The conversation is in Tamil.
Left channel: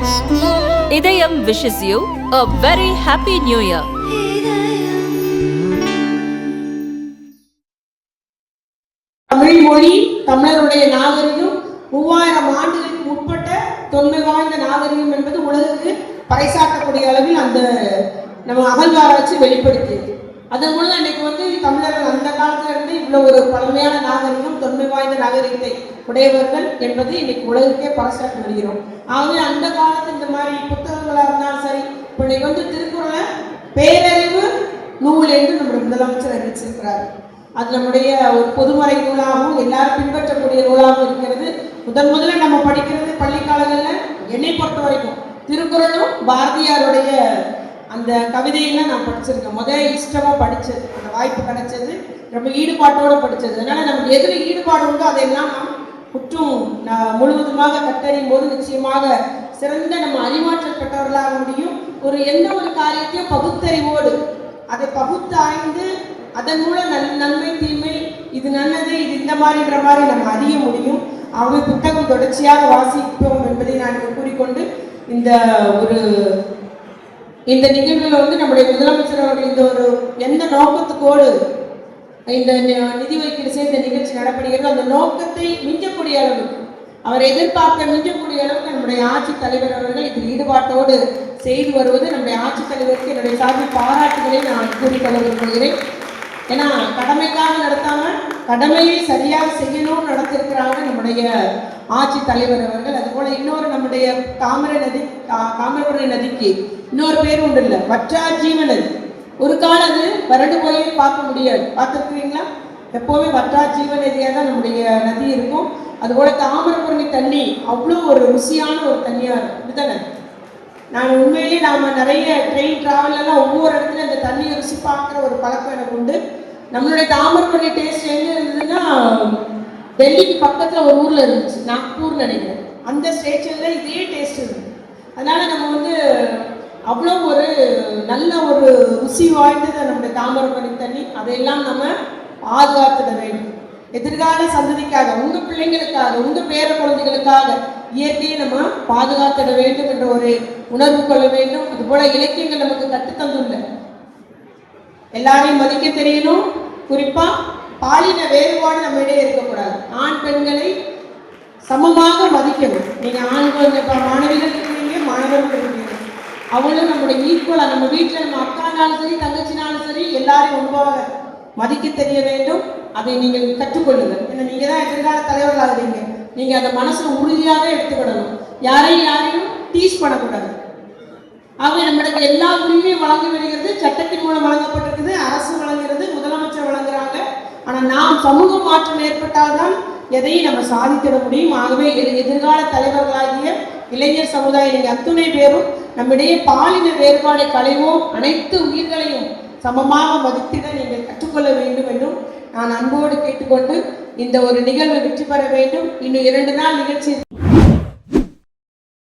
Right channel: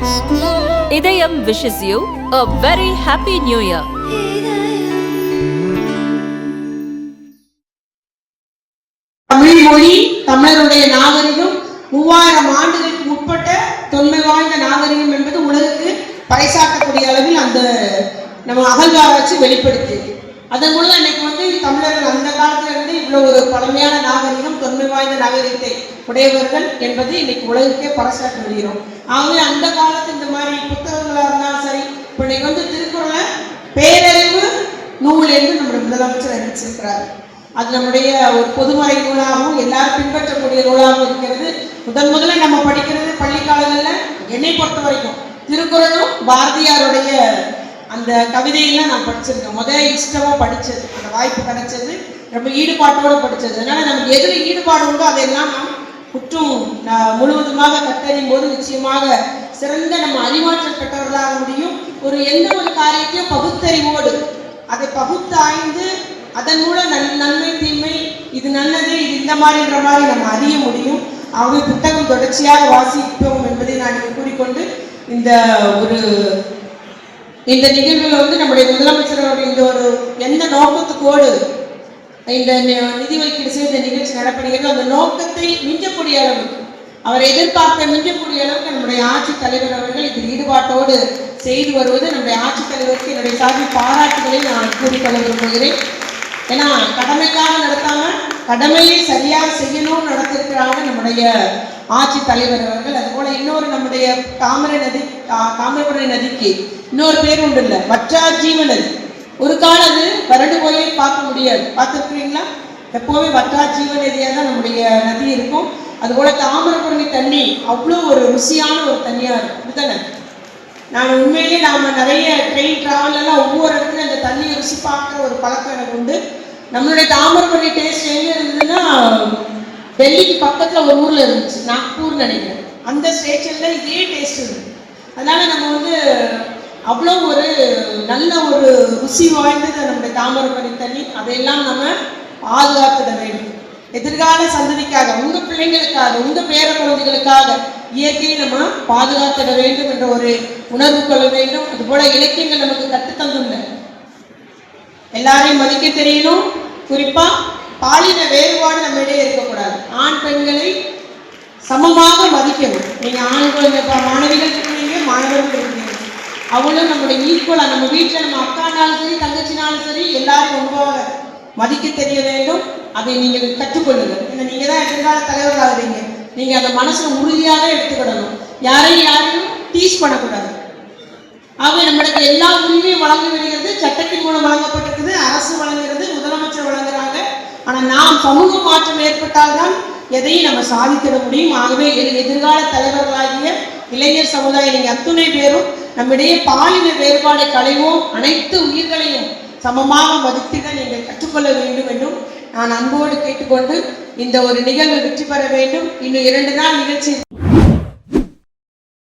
இதயம் wishes you a very happy new year. Tamil மொழி தமிழருடைய நாகரிகம் 3000 ஆண்டுகளுக்கு முற்பட்ட தொன்மை வாய்ந்த நாகரிகம் என்பது உலகுக்கு பறைசாற்றக்கூடிய அளவில் அந்த நம்ம அகழ்வாராய்ச்சி வெளிப்படுத்தியது. அதன் மூலம் அன்னைக்கு தமிழர்கள் அந்த காலத்துல இருந்து இவ்வளவு ஒரு பழமையான நாகரிகம் தொன்மை வாய்ந்த நாகரிகத்தை உடையவர்கள் என்பது இன்னைக்கு உலகுக்கே பறைசாற்றி வருகிறோம். ஆகவே அந்த காலத்து இந்த மாதிரி புத்தகங்களா இருந்தாலும் சரி, இப்ப இன்னைக்கு திருக்குறளை பேரறிவு நூல் என்று நம்முடைய முதலமைச்சர் அறிவிச்சிருக்கிறார். அது நம்முடைய ஒரு பொதுமறை நூலாகவும் எல்லாரும் பின்பற்றக்கூடிய நூலாகவும் இருக்கிறது. முதல்ல நம்ம படிக்கிறது பள்ளி காலங்களில் என்னை பொறுத்த வரைக்கும் திருக்குறளும் பாரதியாருடைய அந்த கவிதையெல்லாம் நான் படிச்சிருக்கேன். முதல்ல இஷ்டமா படிச்சது, அந்த வாய்ப்பு கிடைச்சது, ரொம்ப ஈடுபாட்டோடு படிச்சது. அதனால நமக்கு எதுல ஈடுபாடு உண்டோ அதையெல்லாம் நாம் குற்றம் முழுவதுமாக கற்றறியும் போது நிச்சயமாக சிறந்த நம்ம அறிவாற்றல் பெற்றவர்களாக முடியும். எந்த ஒரு காரியத்தையும் பகுத்தறிவோடு அதை பகுத்தாய்ந்து அதன் மூலம் நன்மை தீமை, இது நல்லது இது இந்த மாதிரின்ற மாதிரி நம்ம அறிய முடியும். அவங்க புத்தகம் தொடர்ச்சியாக வாசிப்போம் என்பதை நான் கூறிக்கொண்டு இந்த நிகழ்வுகள் நம்முடைய முதலமைச்சர் இந்த ஒரு எந்த நோக்கத்துக்கோடு இந்த நிதி ஒதுக்கீடு செய்த நிகழ்ச்சி நடப்படுகிறது, அந்த நோக்கத்தை மிஞ்சக்கூடிய அளவுக்கு அவரை எதிர்பார்க்க மிஞ்சக்கூடிய அளவுக்கு நம்முடைய ஆட்சித் தலைவர் அவர்கள் இதில் ஈடுபாட்டோடு செய்து வருவது நம்முடைய ஆட்சித் தலைவருக்கு என்னுடைய சார்பில் பாராட்டுகளை நான் கூறிக்கொள்ள விரும்புகிறேன். ஏன்னா கடமைக்காக நடத்தாம கடமையை சரியாக செய்யணும்னு நடத்திருக்கிறாங்க நம்முடைய ஆட்சி தலைவர் அவர்கள். அதுபோல இன்னொரு நம்முடைய தாமிரபரணி நதிக்கு இன்னொரு பேர் உண்டு இல்லை, வற்றாஜீவ நதி. ஒரு காலம் அது வறண்டு போய் பார்க்க முடியாது, பார்த்துருக்கீங்களா? எப்போவுமே வற்றாஜீவ நதியாக தான் நம்முடைய நதி இருக்கும். அதுபோல தாமிரபரணி தண்ணி அவ்வளோ ஒரு ருசியான ஒரு தண்ணியா இருக்கும். இதுதானே நான் உண்மையிலேயே நாம நிறைய ட்ரெயின் டிராவல் எல்லாம் ஒவ்வொரு இடத்துலையும் அந்த தண்ணியை ருசி பார்க்குற ஒரு பழக்கம் எனக்கு உண்டு. நம்மளுடைய தாமிரபரணி டேஸ்ட் எங்க இருந்ததுன்னா டெல்லிக்கு பக்கத்துல ஒரு ஊர்ல இருந்துச்சு, நாக்பூர் நினைக்கிறேன். அந்த ஸ்டேஷன்ல இதே டேஸ்ட் இருக்கு. அதனால நம்ம அவ்வளோ ஒரு நல்ல ஒரு ருசி வாய்ந்தது நம்முடைய தாமிரபரணி தண்ணி. அதையெல்லாம் நம்ம பாதுகாத்துட வேண்டும். எதிர்கால சந்ததிக்காக, உங்க பிள்ளைங்களுக்காக, உங்க பேர குழந்தைகளுக்காக இயற்கையை நம்ம பாதுகாத்திட வேண்டும் என்ற ஒரு உணர்வு கொள்ள வேண்டும். இது போல இலக்கியங்கள் நமக்கு கற்றுத்தந்துள்ள எல்லாரையும் மதிக்க தெரியணும். குறிப்பா பாலின வேறுபாடு நம்ம இடையே இருக்கக்கூடாது. ஆண் பெண்களை சமமாக மதிக்கணும். நீங்க ஆண் மாணவிகள் இருக்கீங்க, மாணவர்கள் இருக்கீங்க, அவங்களும் நம்முடைய ஈக்குவலா நம்ம வீட்டில் நம்ம அக்கானாலும் சரி தங்கச்சினாலும் சரி எல்லாரும் ரொம்பவாக மதிக்க தெரிய வேண்டும். அதை நீங்கள் கற்றுக்கொள்ளுங்க. நீங்க தான் எதிர்கால தலைவர் ஆகுறீங்க. நீங்க அந்த மனசுல உறுதியாக எடுத்துக்கிடணும். யாரையும் டீச் பண்ணக்கூடாது. ஆக நம்மளுக்கு எல்லா உரிமையும் வழங்க விடுகிறது, சட்டத்தின் மூலம் வழங்கப்பட்டிருக்குது, அரசு வழங்குகிறது, முதலமைச்சர் வழங்குறாங்க. ஆனா நாம் சமூக மாற்றம் ஏற்பட்டால்தான் எதையும் நம்ம சாதித்திட முடியும். ஆகவே எதிர்கால தலைவர்களாகிய இளைஞர் சமுதாயம் நீங்க அத்துணை பேரும் நம்மிடையே பாலின வேறுபாடு களைவோம். அனைத்து உயிர்களையும் சமமாக மதித்திட நீங்கள் கற்றுக்கொள்ள வேண்டும் என்றும் நான் அன்போடு கேட்டுக்கொண்டு இந்த ஒரு நிகழ்வு வெற்றி பெற வேண்டும். இன்னும் 2 நாள் நிகழ்ச்சி